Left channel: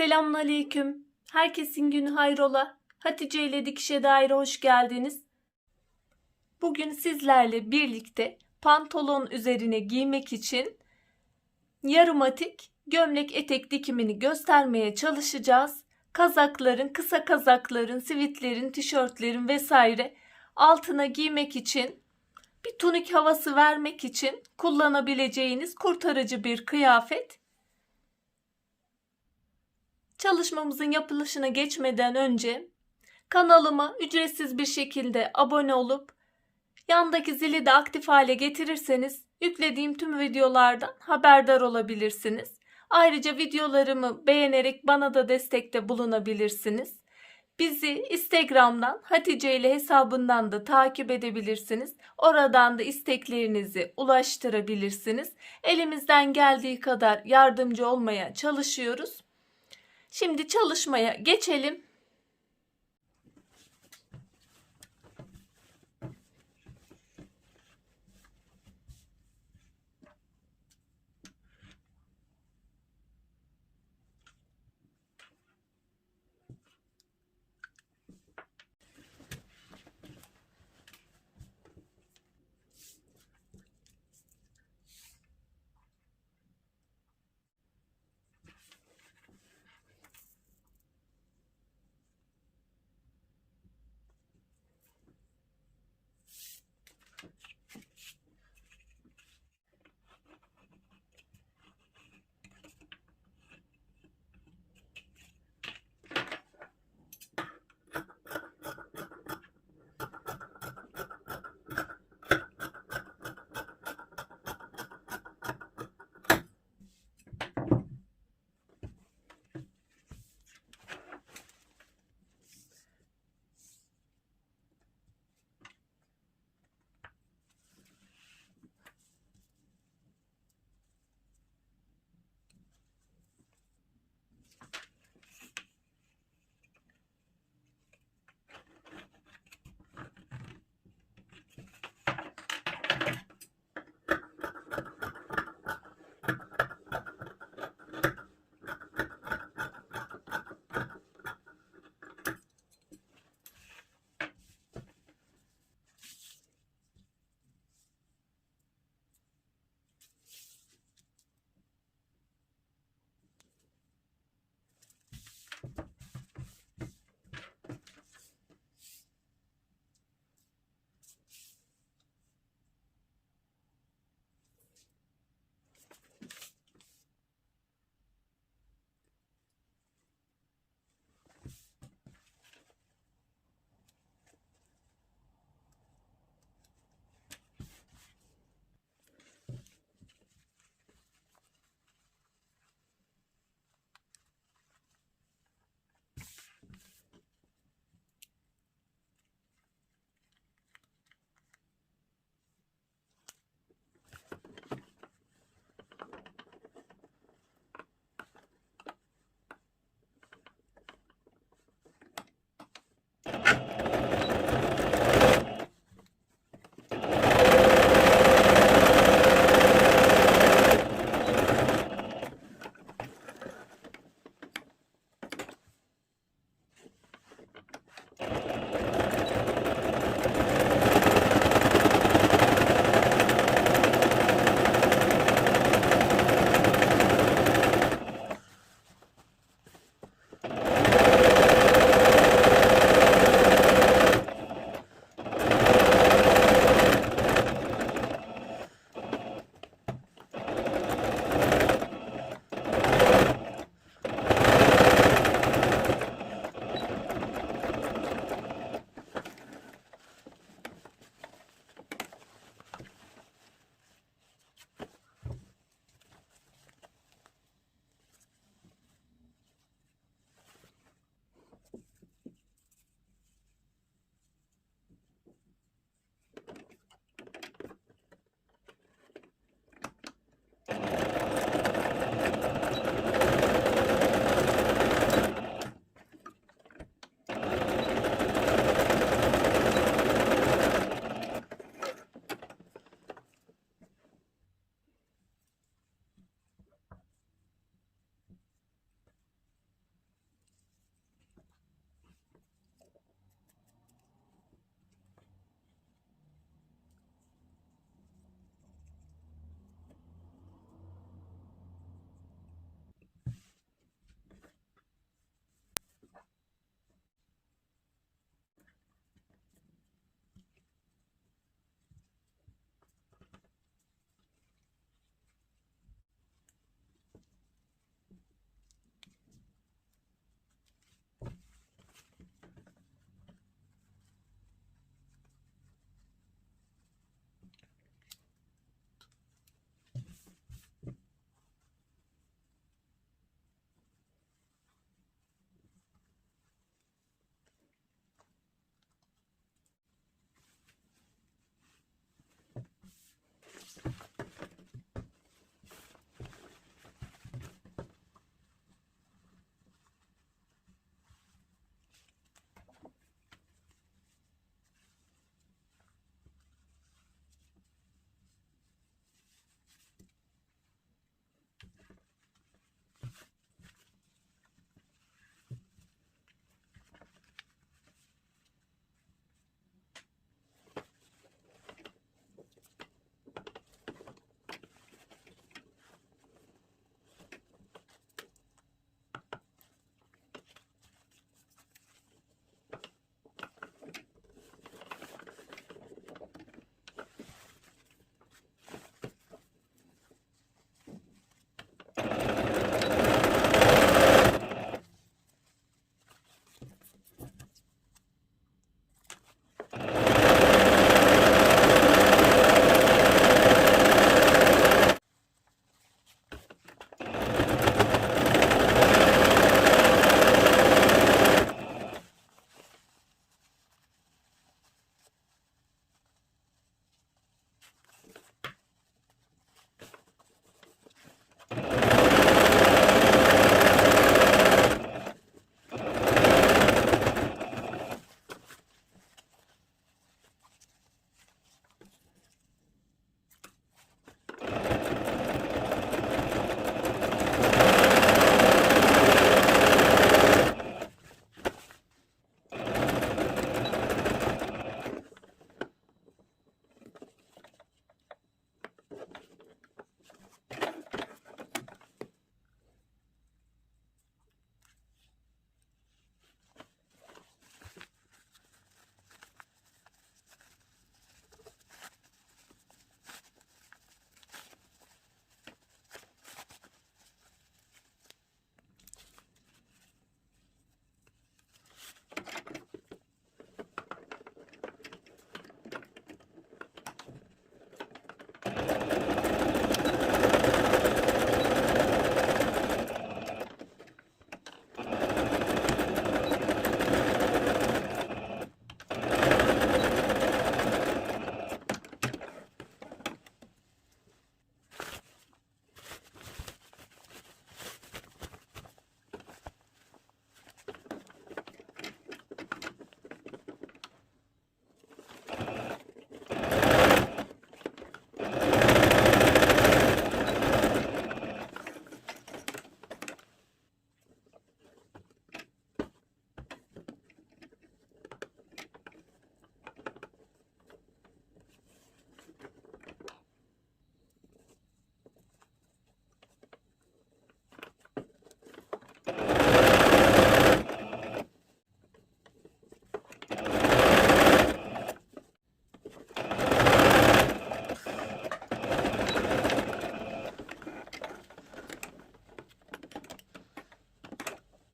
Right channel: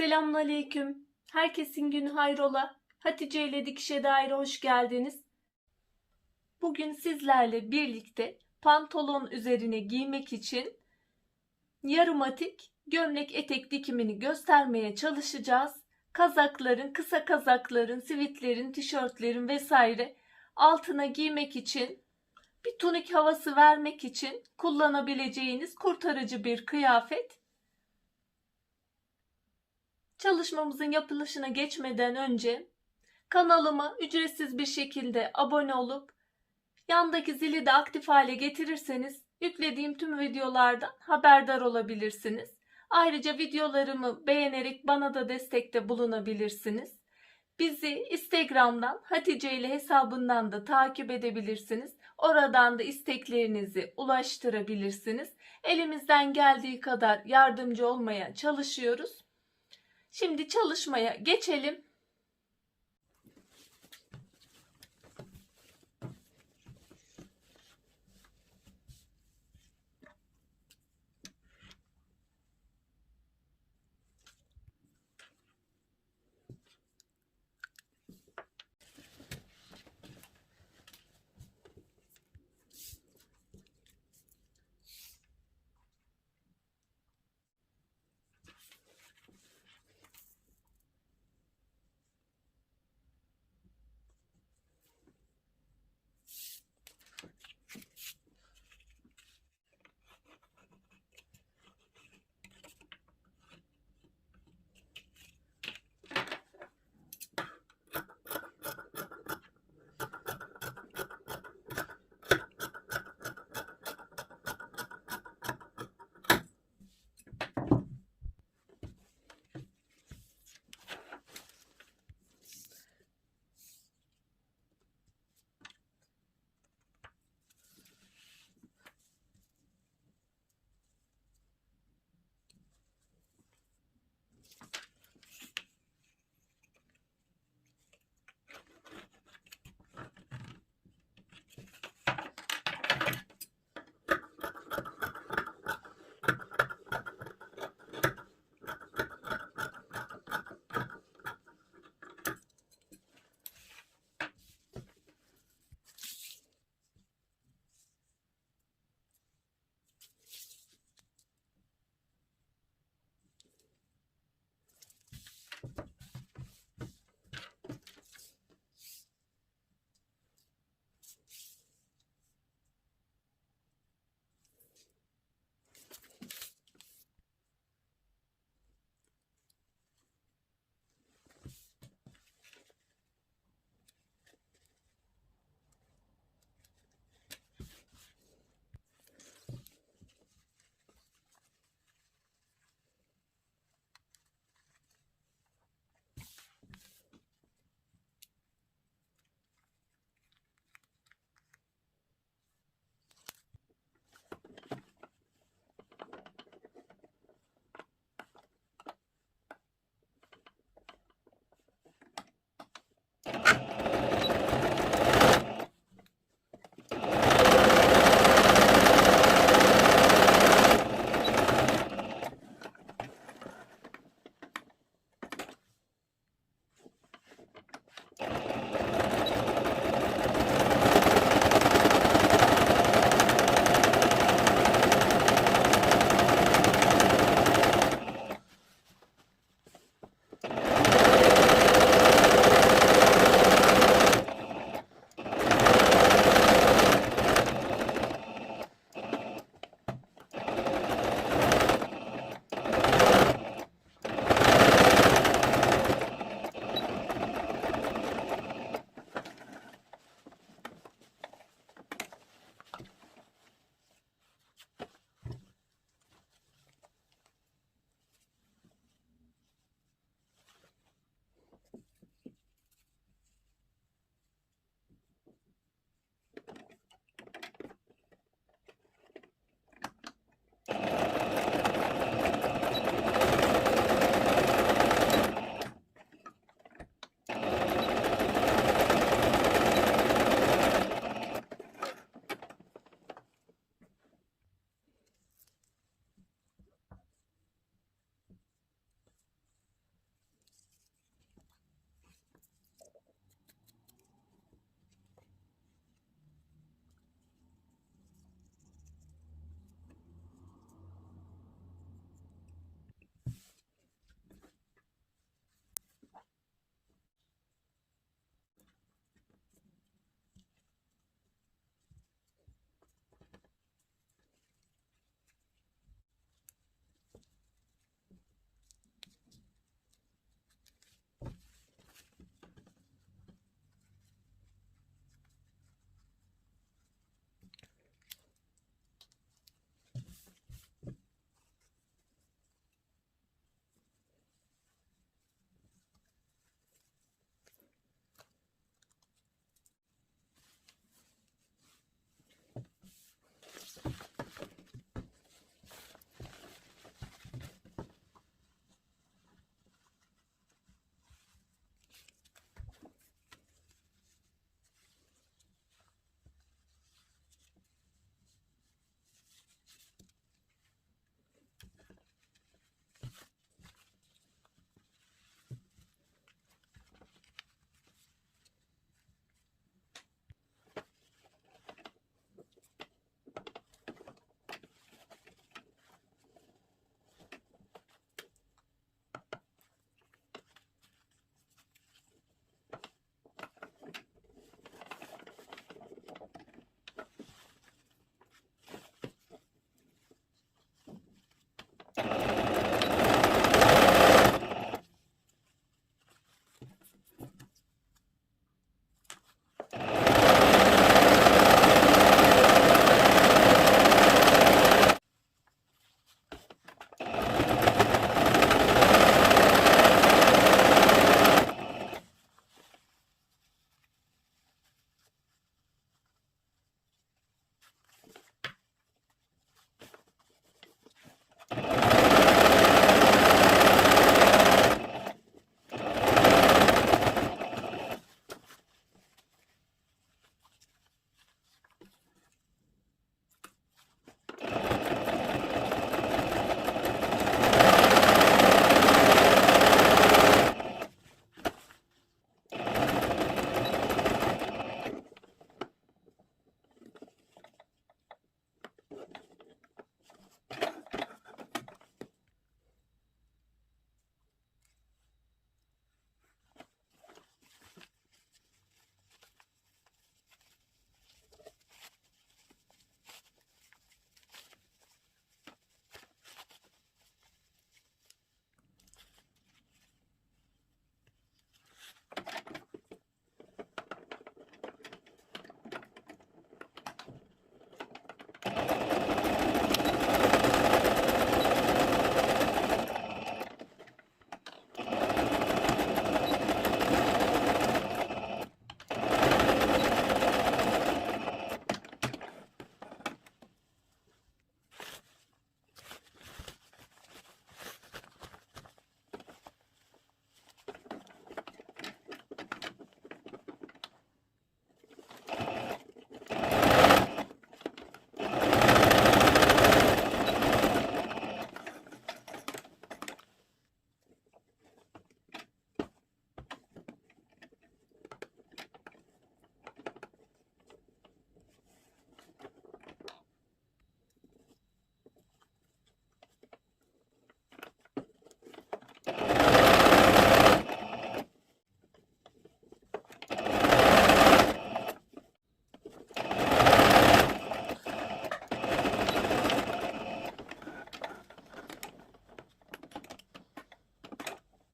Selamünaleyküm. Herkesin günü hayrola. Hatice ile Dikişe Daire hoş geldiniz. Bugün sizlerle birlikte pantolon üzerine giymek için yarım atik gömlek etek dikimini göstermeye çalışacağız. Kazakların, kısa kazakların, sivitlerin, tişörtlerin vesaire altına giymek için bir tunik havası vermek için kullanabileceğiniz kurtarıcı bir kıyafet. Çalışmamızın yapılışına geçmeden önce kanalıma ücretsiz bir şekilde abone olup yandaki zili de aktif hale getirirseniz yüklediğim tüm videolardan haberdar olabilirsiniz. Ayrıca videolarımı beğenerek bana da destekte bulunabilirsiniz. Bizi Instagram'dan Hatice ile hesabından da takip edebilirsiniz. Oradan da isteklerinizi ulaştırabilirsiniz. Elimizden geldiği kadar yardımcı olmaya çalışıyoruz. Şimdi çalışmaya geçelim.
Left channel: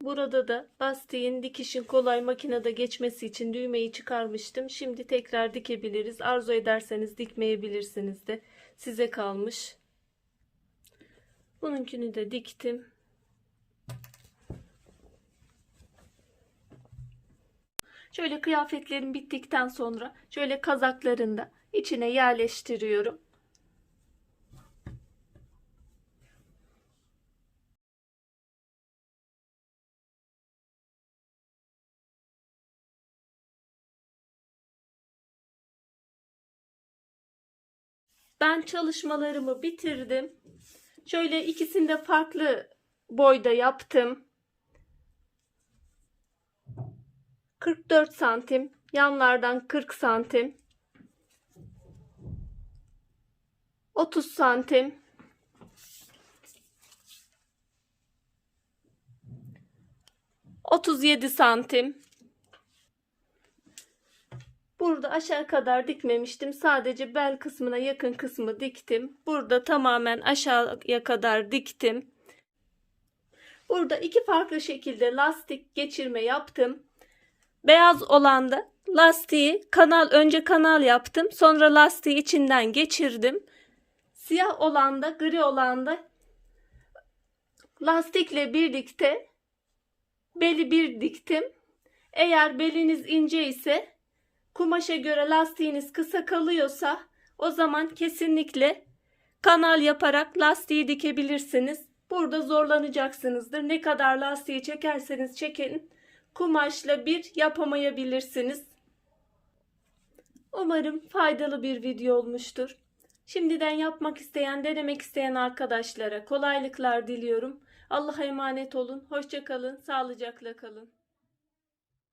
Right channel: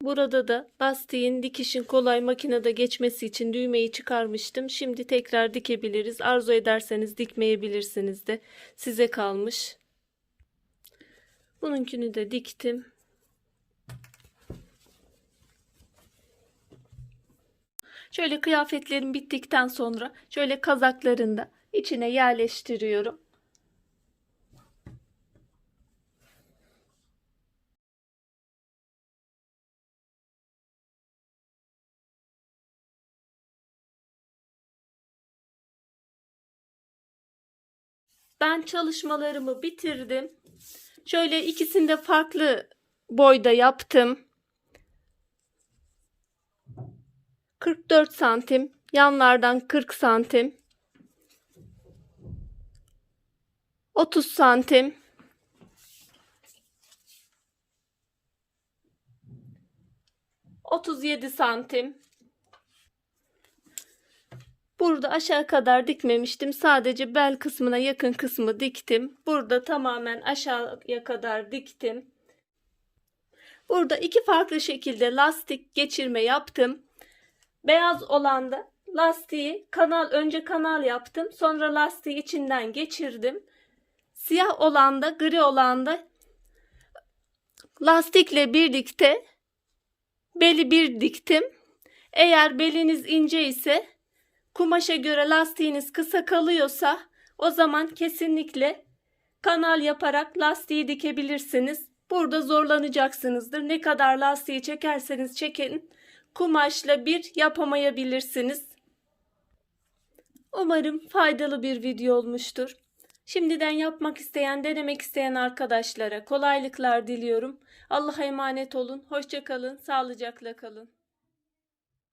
Burada da lastiğin dikişin kolay makinede geçmesi için düğmeyi çıkarmıştım. Şimdi tekrar dikebiliriz. Arzu ederseniz dikmeyebilirsiniz de. Size kalmış. Bununkini de diktim. Şöyle kıyafetlerim bittikten sonra şöyle kazaklarını da içine yerleştiriyorum. Ben çalışmalarımı bitirdim. Şöyle ikisini de farklı boyda yaptım. 44 santim, yanlardan 40 santim. 30 santim. Otuz yedi santim. Burada aşağı kadar dikmemiştim. Sadece bel kısmına yakın kısmı diktim. Burada tamamen aşağıya kadar diktim. Burada iki farklı şekilde lastik geçirme yaptım. Beyaz olan da lastiği kanal önce kanal yaptım. Sonra lastiği içinden geçirdim. Siyah olan da gri olan da lastikle birlikte beli bir diktim. Eğer beliniz ince ise kumaşa göre lastiğiniz kısa kalıyorsa o zaman kesinlikle kanal yaparak lastiği dikebilirsiniz. Burada zorlanacaksınızdır. Ne kadar lastiği çekerseniz çekin kumaşla bir yapamayabilirsiniz. Umarım faydalı bir video olmuştur. Şimdiden yapmak isteyen, denemek isteyen arkadaşlara kolaylıklar diliyorum. Allah'a emanet olun. Hoşça kalın, sağlıcakla kalın.